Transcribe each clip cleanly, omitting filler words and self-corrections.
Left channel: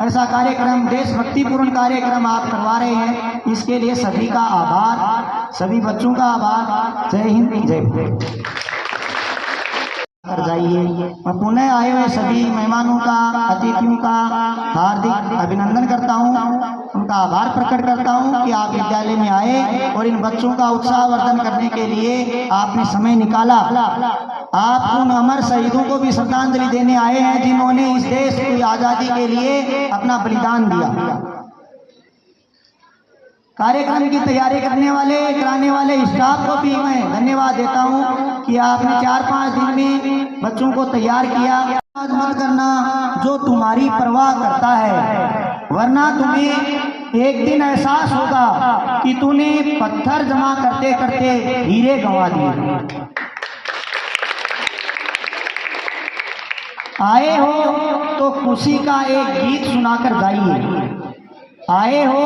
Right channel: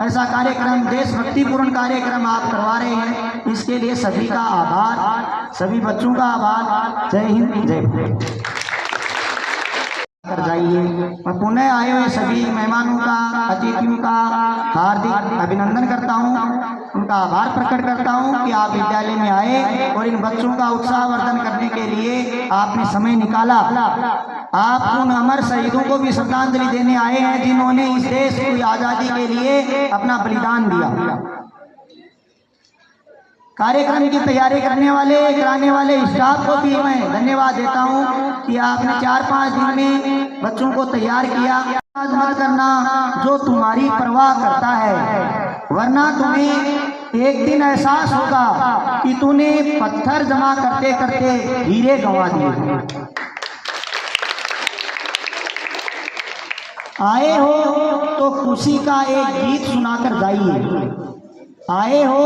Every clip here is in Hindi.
ऐसा कार्यक्रम, देशभक्तिपूर्ण कार्यक्रम आप करवा रहे हैं, इसके लिए सभी का आभार, सभी बच्चों का आभार। जय हिंद, जय भारत। कर जाइए और पुनः आए हुए सभी मेहमानों का, अतिथियों का हार्दिक अभिनंदन करता हूँ, उनका आभार प्रकट करता हूँ कि आप विद्यालय में आए और इन बच्चों का उत्साहवर्धन करने के लिए आपने समय निकाला। आप उन अमर शहीदों को भी श्रद्धांजलि देने आए हैं जिन्होंने इस देश की आज़ादी के लिए अपना बलिदान दिया। कार्यक्रम की तैयारी कराने वाले स्टाफ को भी मैं धन्यवाद देता हूं कि आपने 4-5 दिन में बच्चों को तैयार किया। मत करना जो तुम्हारी परवाह करता है, वरना तुम्हें एक दिन एहसास होगा कि तूने पत्थर जमा करते करते हीरे गंवा दिए। आए हो तो खुशी का एक गीत सुनाकर जाइए, आए हो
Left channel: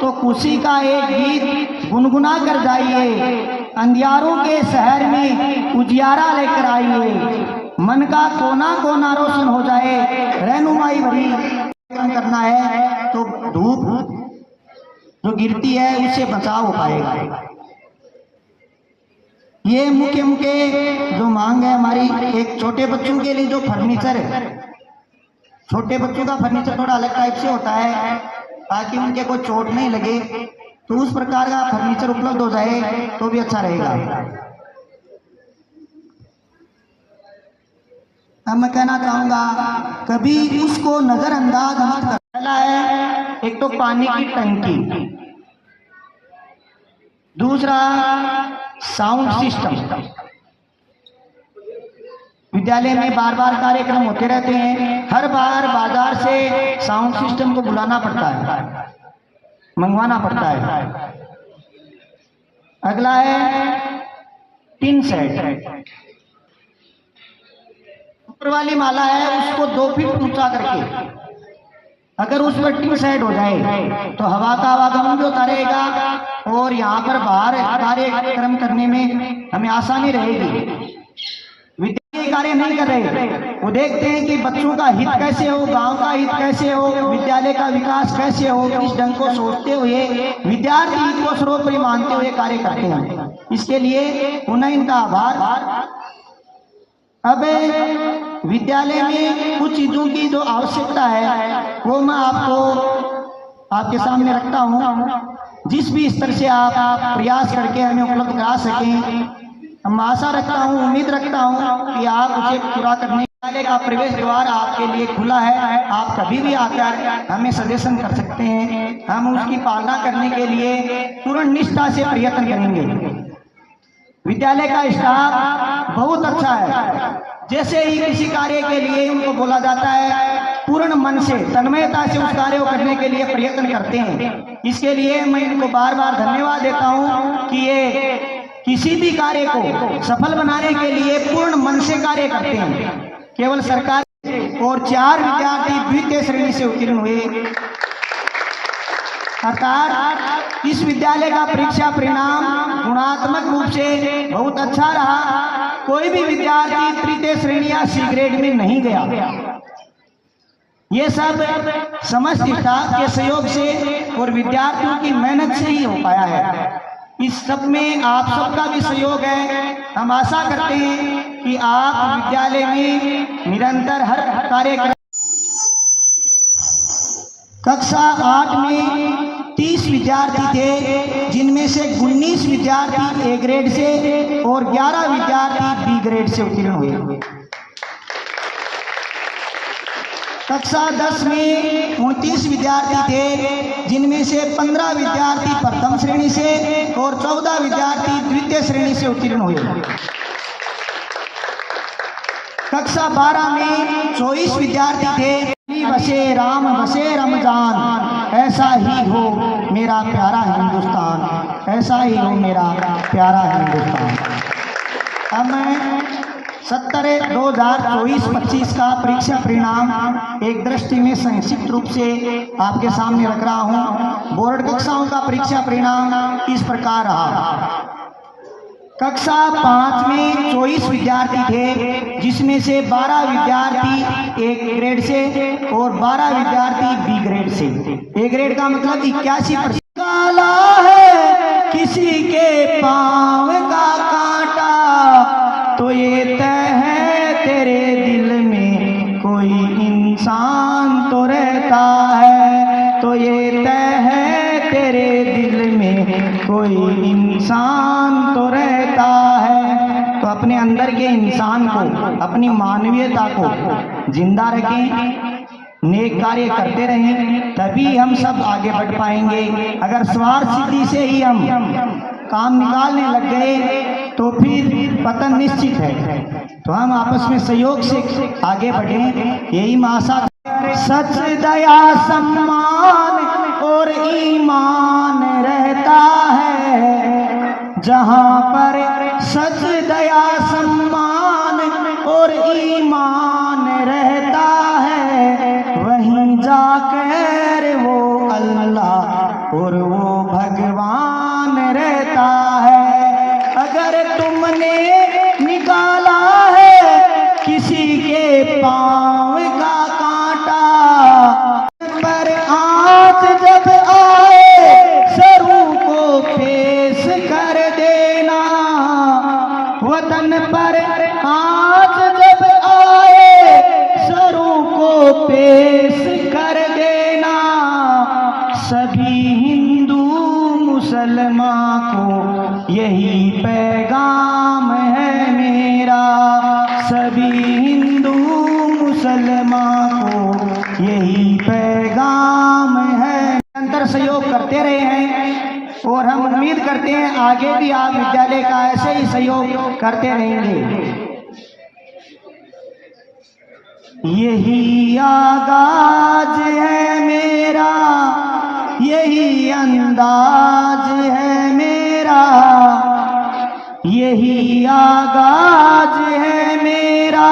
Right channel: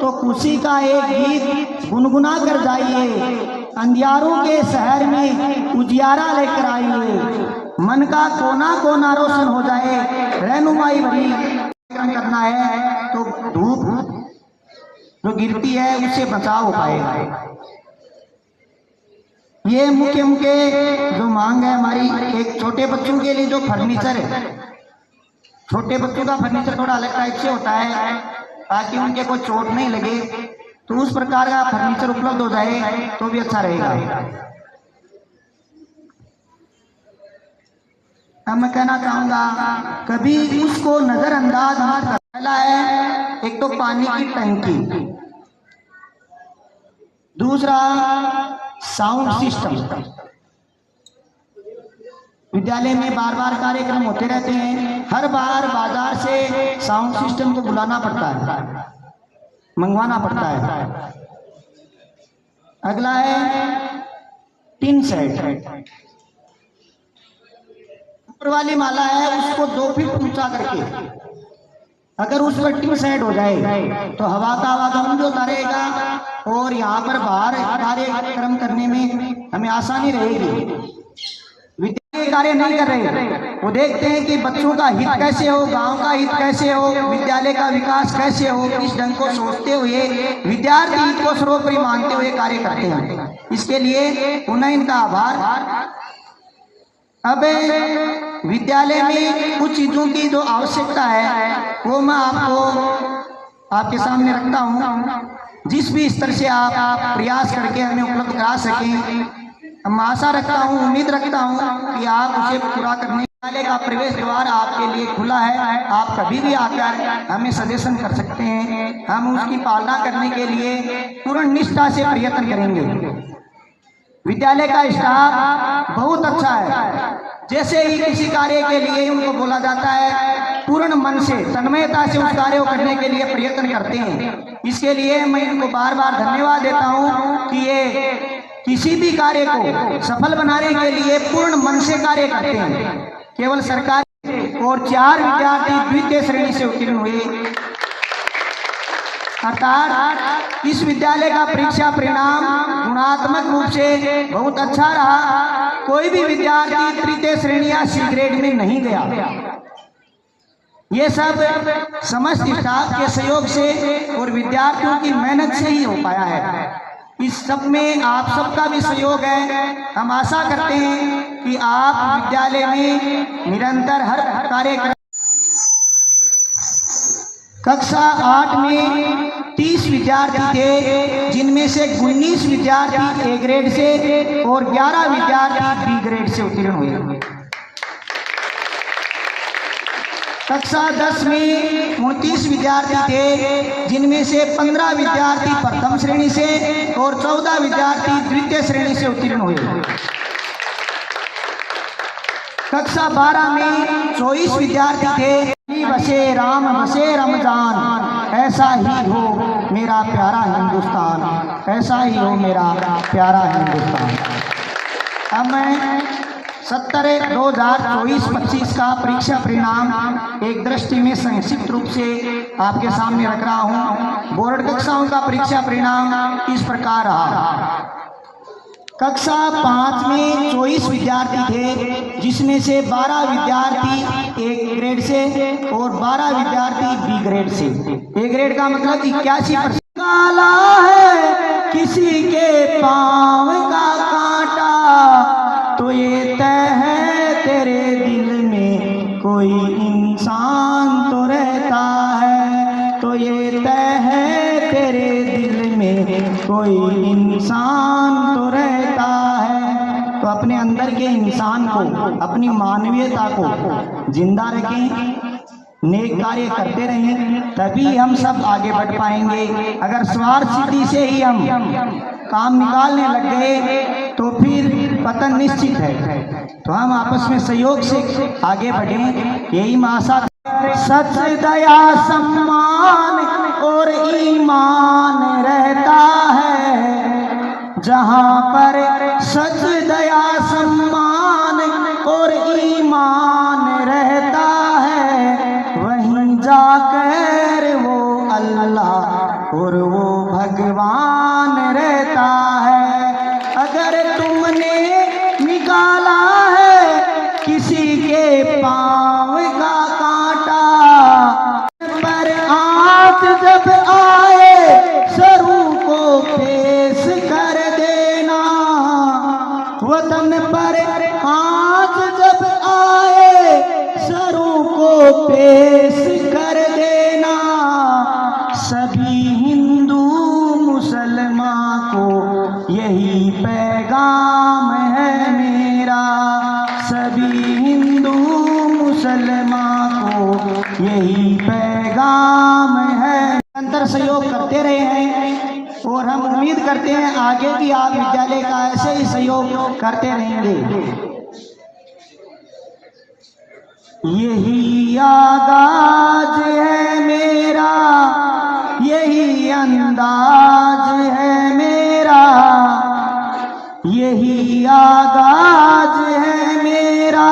तो खुशी का एक गीत गुनगुना कर जाइए। अंधियारों के शहर में उजियारा लेकर आइए, मन का कोना कोना रोशन हो जाए। रहनुमाई भरी करना है तो धूप जो गिरती है उससे बचाव हो पाएगा। ये मुख्य जो मांग है हमारी, एक छोटे बच्चों के लिए जो फर्नीचर है, छोटे बच्चों का फर्नीचर थोड़ा अलग टाइप से होता है ताकि उनके कोई चोट नहीं लगे, तो उस प्रकार का फर्नीचर उपलब्ध हो जाए तो भी अच्छा रहेगा। अब मैं कहना चाहूंगा कभी उसको नजरअंदाज मत कर। पहला है एक तो पानी की टंकी, दूसरा साउंड सिस्टम। विद्यालय में बार बार कार्यक्रम होते रहते हैं, हर बार बाजार से साउंड सिस्टम को बुलाना पड़ता है, मंगवाना पड़ता है। अगला है टिन सेट। ऊपर वाली माला है उसको 2 फीट ऊंचा करके अगर उस पर टिन सेट हो जाए तो हवा का आवागमन भी होता रहेगा और यहाँ पर बाहर कार्यक्रम करने में हमें आसानी रहेगी। कार्य नहीं कर रहे, वो देखते हैं कि बच्चों का हित कैसे हो, गांव का हित कैसे हो, विद्यालय का विकास कैसे हो। इस ढंग को सोचते हुए विद्यार्थी हित को सर्वोपरि मानते हुए कार्य करते हैं, इसके लिए पुनः इनका आभार। अब विद्यालय में कुछ चीजों की जो आवश्यकता है वो मैं आपके सामने रखता हूँ, जिस भी स्तर से आप प्रयास करके हमें उपलब्ध करा सकें। हम आशा रखता हूँ, उम्मीद रखता हूँ कि आप उसे पूरा करने वाले का प्रवेश द्वार आपके लिए खुला है। आप कभी भी आकर हमें सजेशन कर सकते हैं, हम उसकी पालना करने के लिए पूर्ण निष्ठा से प्रयत्न करेंगे। विद्यालय का स्टाफ बहुत अच्छा है, जैसे ही किसी कार्य के लिए उनको बोला जाता है पूर्ण मन से, तन्मयता से उस कार्य को करने के लिए प्रयत्न करते हैं। इसके लिए मैं इनको बार बार धन्यवाद देता हूँ कि ये किसी भी कार्य को सफल बनाने के लिए पूर्ण मन से कार्य करते हैं। केवल सरकार और 4 विद्यार्थी द्वितीय श्रेणी से उत्तीर्ण हुए, अर्थात इस विद्यालय का परीक्षा परिणाम गुणात्मक रूप से बहुत अच्छा रहा। कोई भी विद्यार्थी तृतीय श्रेणी या सी ग्रेड में नहीं गया। ये सब समस्त स्टाफ के सहयोग से और विद्यार्थियों की मेहनत से ही हो पाया है। इस सब में आप सबका भी सहयोग है। हम आशा करते हैं कि आप विद्यालय में निरंतर हर कार्यक्रम। कक्षा 8 में 30 विद्यार्थी थे, जिनमें से 19 विद्यार्थी ए ग्रेड से और 11 विद्यार्थी बी ग्रेड से उत्तीर्ण हुए। कक्षा 10 में 29 विद्यार्थी थे, जिनमें से 15 विद्यार्थी प्रथम श्रेणी से और 14 विद्यार्थी द्वितीय श्रेणी से उत्तीर्ण हुए। कक्षा 12 में 24 विद्यार्थी थे। बसे राम बसे रमजान, ऐसा ही हो मेरा प्यारा हिंदुस्तान, ऐसा ही हो मेरा प्यारा हिंदुस्तान। अब मैं 2024-25 का परीक्षा परिणाम एक दृष्टि में संक्षिप्त रूप से आपके सामने रख रहा हूं। बोर्ड कक्षाओं का परीक्षा परिणाम इस प्रकार रहा। कक्षा 5 में 24 विद्यार्थी थे, जिसमें से 12 विद्यार्थी ए ग्रेड से और 12 विद्यार्थी ग्रेड से। ए ग्रेड का मतलब 81%। काला है किसी के पाँव का कांटा, तो ये तय है तेरे दिल में कोई इंसान तो रहता है, तो ये तय है तेरे दिल में कोई इंसान तो रहता है। तो अपने अंदर के इंसान को, अपनी मानवीयता को जिंदा रखें, नेक कार्य करते रहें, तभी हम सब आगे बढ़ पाएंगे। अगर स्वार्थ सिद्धि से ही हम काम निकालने लग गए तो फिर पतन निश्चित है। तो हम आपस में सहयोग से आगे बढ़ें, यही आशा। सच दया सम्मान और ईमान रहता है, जहाँ पर सच दया सम्मान और ईमान रहता है, वहीं जाकर वो अल्लाह और वो भगवान रहता है। अगर तुमने निकाला है किसी के पाँव का कांटा, पर आँच जब आए सरू को पेश कर देना, वतन पर आँच जब आए सरू को पेश कर देना। सभी हिंदू मुसलमान को यही पैगाम है मेरा, सभी हिंदू मुसलमान को यही पैगाम है। निरंतर सहयोग करते रहे हैं और हम उम्मीद करते हैं आगे भी आप विद्यालय का ऐसे ही सहयोग करते रहेंगे। यही आगाज है मेरा, यही अंदाज है मेरा, यही आगाज है मेरा,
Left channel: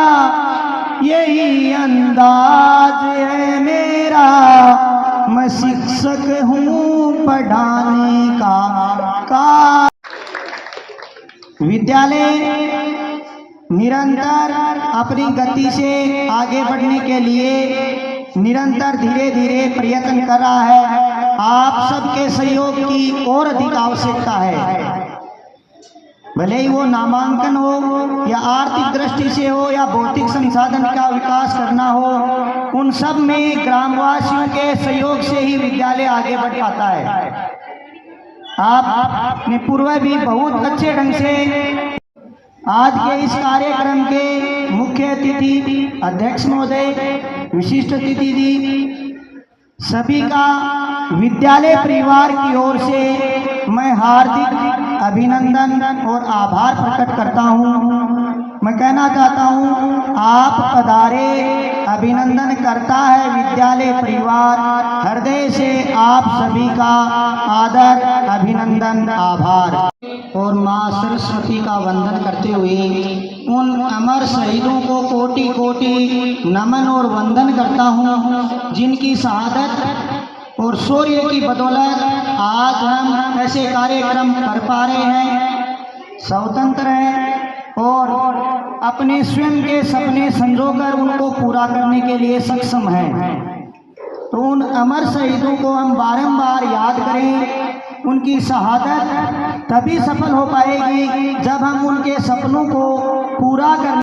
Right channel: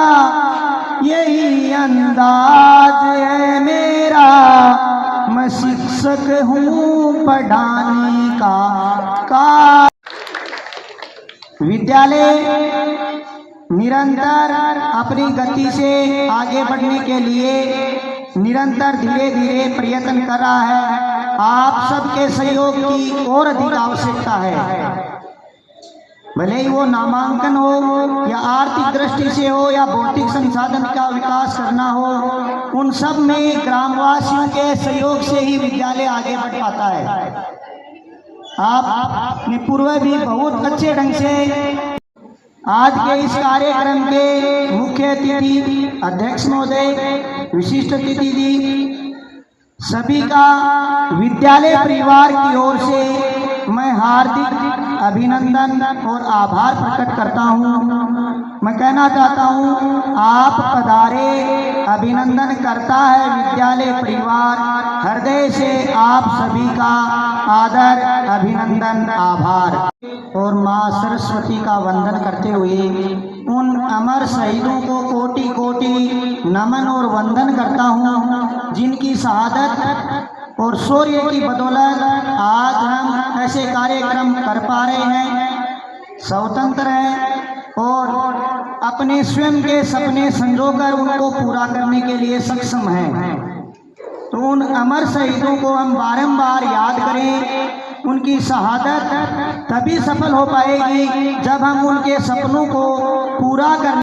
यही अंदाज है मेरा। मैं शिक्षक हूँ पढ़ाने का। विद्यालय निरंतर अपनी गति से आगे बढ़ने के लिए निरंतर धीरे धीरे प्रयत्न कर रहा है। आप सबके सहयोग की और अधिक आवश्यकता है। भले ही वो नामांकन हो या आर्थिक दृष्टि से हो या भौतिक संसाधन का विकास करना हो, उन सब में ग्रामवासियों के सहयोग से ही विद्यालय आगे बढ़ पाता है। आपने पूर्व भी बहुत अच्छे ढंग से आज के इस कार्यक्रम के मुख्य अतिथि अध्यक्ष महोदय, विशिष्ट अतिथि दी, सभी का विद्यालय परिवार की ओर से मैं हार्दिक अभिनंदन और आभार प्रकट करता हूँ। मैं कहना चाहता हूँ आप पधारे, अभिनंदन करता है विद्यालय परिवार। हृदय से आप सभी का आदर, अभिनंदन, आभार और माँ सरस्वती का वंदन करते हुए उन अमर शहीदों को कोटि कोटि नमन और वंदन करता हूँ, जिनकी शहादत और शौर्य की बदौलत आज हम ऐसे कार्यक्रम कर पा रहे हैं, स्वतंत्र हैं और अपने स्वयं के सपने संजोकर उनको पूरा करने के लिए सक्षम हैं। तो उन अमर शहीदों को हम बारंबार याद करें। उनकी शहादत तभी सफल हो पाएगी जब हम उनके सपनों को पूरा कर